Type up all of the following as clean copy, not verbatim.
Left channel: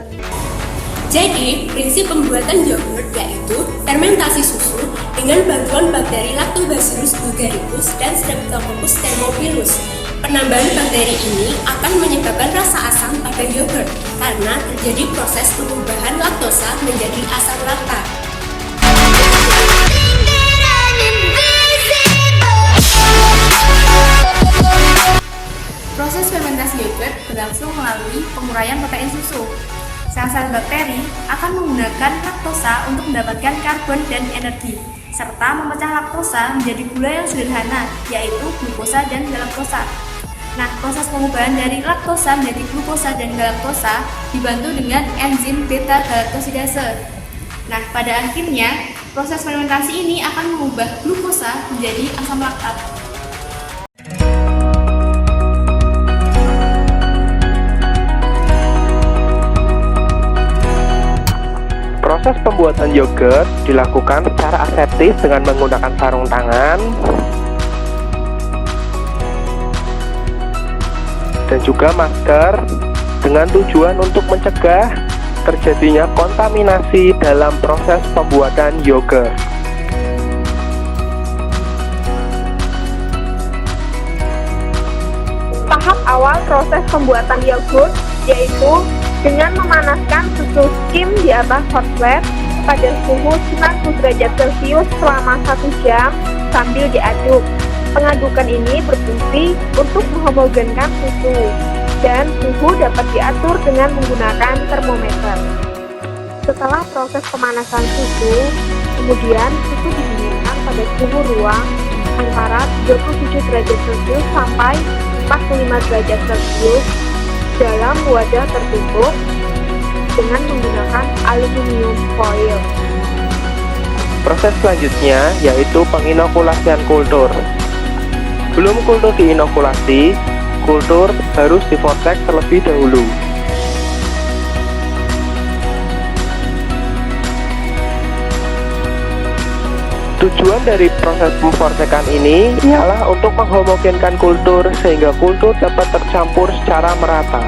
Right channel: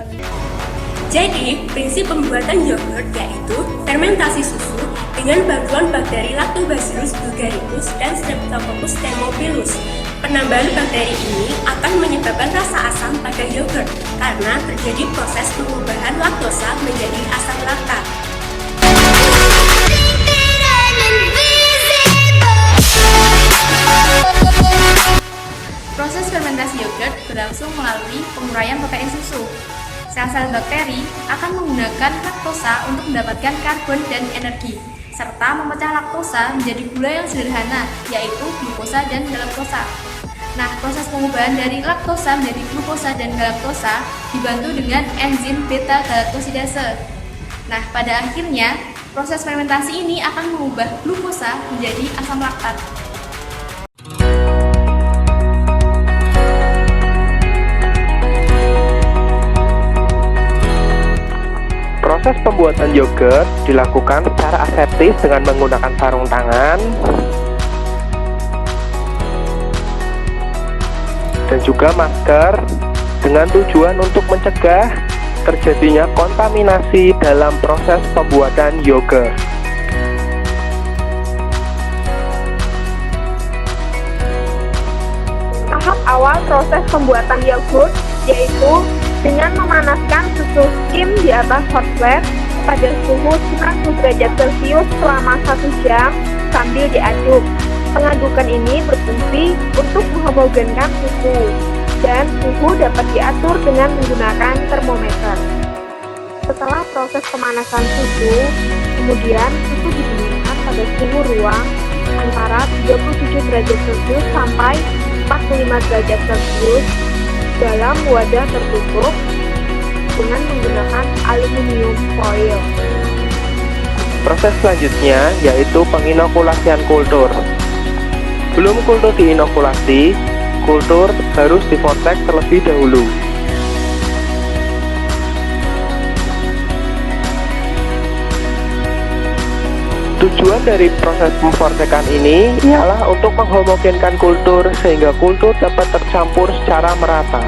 Jadi, prinsip pembuatan yogurt yaitu fermentasi susu dengan bantuan bakteri Lactobacillus bulgaricus dan Streptococcus thermovirus. Penambahan bakteri ini akan menyebabkan rasa asam pada yogurt karena terjadi proses perubahan laktosa menjadi asam laktat. Proses fermentasi yogurt berlangsung melalui penguraian bakteri susu. Sel-sel bakteri akan menggunakan laktosa untuk mendapatkan karbon dan energi, serta memecah laktosa menjadi gula yang sederhana, yaitu glukosa dan galaktosa. Nah, proses perubahan dari laktosa menjadi glukosa dan galaktosa dibantu dengan enzim beta-galaktosidase. Nah, pada akhirnya, proses fermentasi ini akan mengubah glukosa menjadi asam laktat. Proses pembuatan yogurt dilakukan secara aseptis dengan menggunakan sarung tangan dan juga masker dengan tujuan untuk mencegah terjadinya kontaminasi dalam proses pembuatan yogurt. Tahap awal proses pembuatan yogurt yaitu dengan memanaskan susu skim di atas hot plate pada suhu 90 derajat Celcius selama 1 jam sambil diaduk. Pengadukan ini berfungsi untuk menghomogenkan susu dan suhu dapat diatur dengan menggunakan termometer. Setelah proses pemanasan susu, kemudian susu didinginkan pada suhu ruang antara 37 derajat Celcius sampai 45 derajat Celcius dalam wadah tertutup dengan menggunakan aluminium foil. Proses selanjutnya yaitu penginokulasian kultur. Sebelum kultur diinokulasi, kultur harus divortex terlebih dahulu. Tujuan dari proses pemvortekan ini ialah untuk menghomogenkan kultur sehingga kultur dapat tercampur secara merata.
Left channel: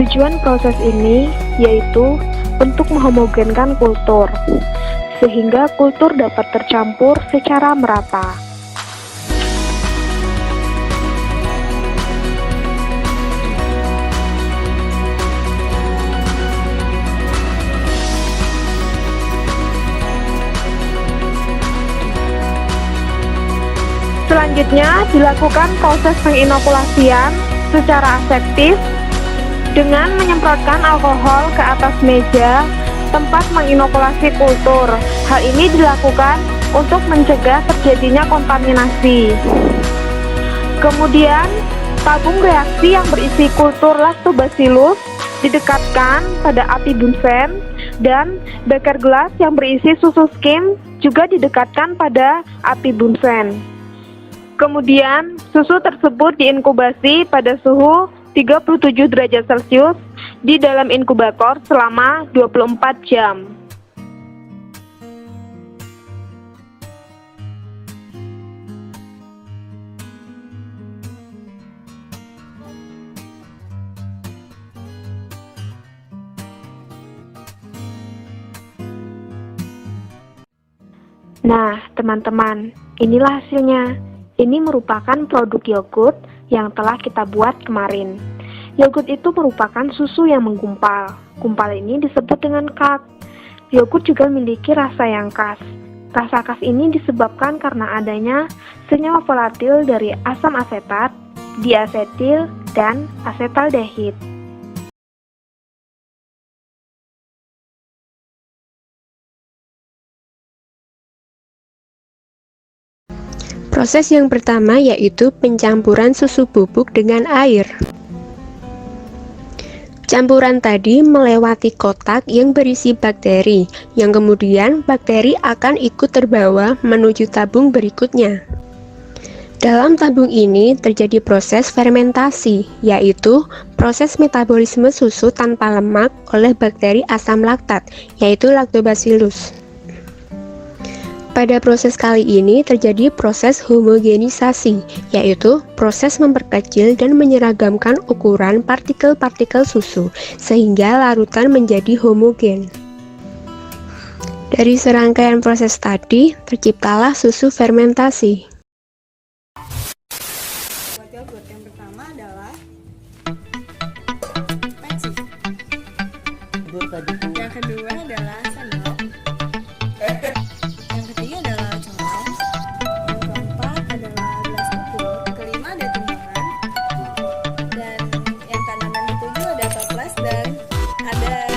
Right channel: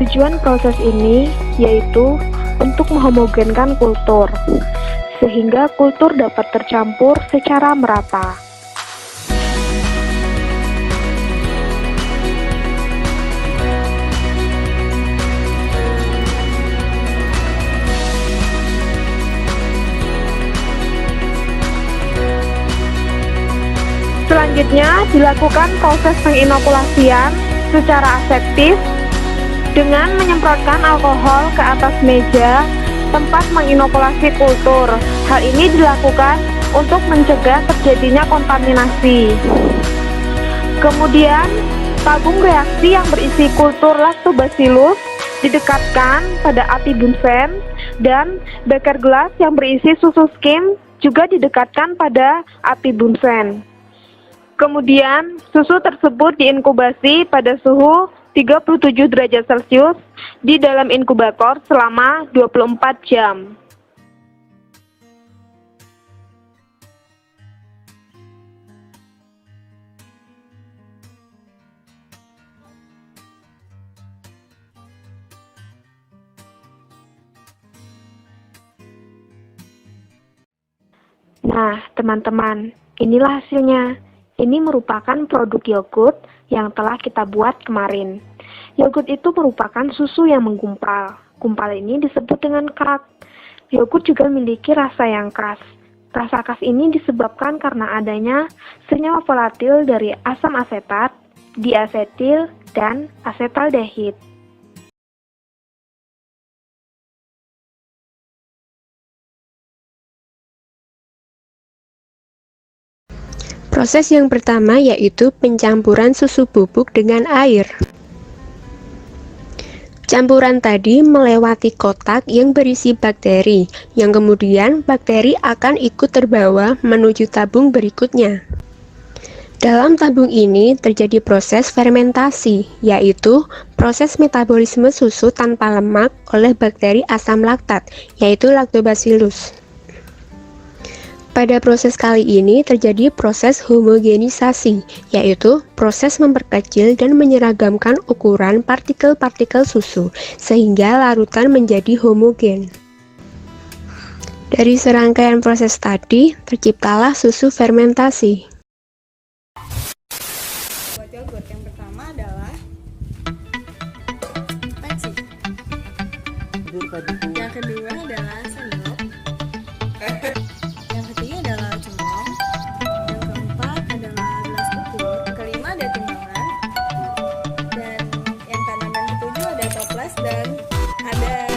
Tujuan proses ini yaitu untuk menghomogenkan kultur sehingga kultur dapat tercampur secara merata. Selanjutnya dilakukan proses penginokulasian secara aseptis dengan menyemprotkan alkohol ke atas meja tempat menginokulasi kultur. Hal ini dilakukan untuk mencegah terjadinya kontaminasi. Kemudian, tabung reaksi yang berisi kultur Lactobacillus didekatkan pada api Bunsen dan beker gelas yang berisi susu skim juga didekatkan pada api Bunsen. Kemudian, susu tersebut diinkubasi pada suhu 37 derajat Celcius di dalam inkubator selama 24 jam. Nah, teman-teman, inilah hasilnya. Ini merupakan produk yogurt yang telah kita buat kemarin. Yogurt itu merupakan susu yang menggumpal. Gumpal ini disebut dengan curd. Yogurt juga memiliki rasa yang khas. Rasa khas ini disebabkan karena adanya senyawa volatil dari asam asetat, diasetil, dan asetaldehid. Proses yang pertama yaitu pencampuran susu bubuk dengan air. Campuran tadi melewati kotak yang berisi bakteri, yang kemudian bakteri akan ikut terbawa menuju tabung berikutnya. Dalam tabung ini terjadi proses fermentasi, yaitu proses metabolisme susu tanpa lemak oleh bakteri asam laktat, yaitu Lactobacillus. Pada proses kali ini terjadi proses homogenisasi, yaitu proses memperkecil dan menyeragamkan ukuran partikel-partikel susu, sehingga larutan menjadi homogen. Dari serangkaian proses tadi, terciptalah susu fermentasi. Buat yogurt yang pertama adalah panci. Yang kedua adalah sendok. Yang ketiga adalah colong. Yang keempat adalah gelas ukur. Kelima ada timbangan. Dan yang keenam dan ketujuh ada toples dan ada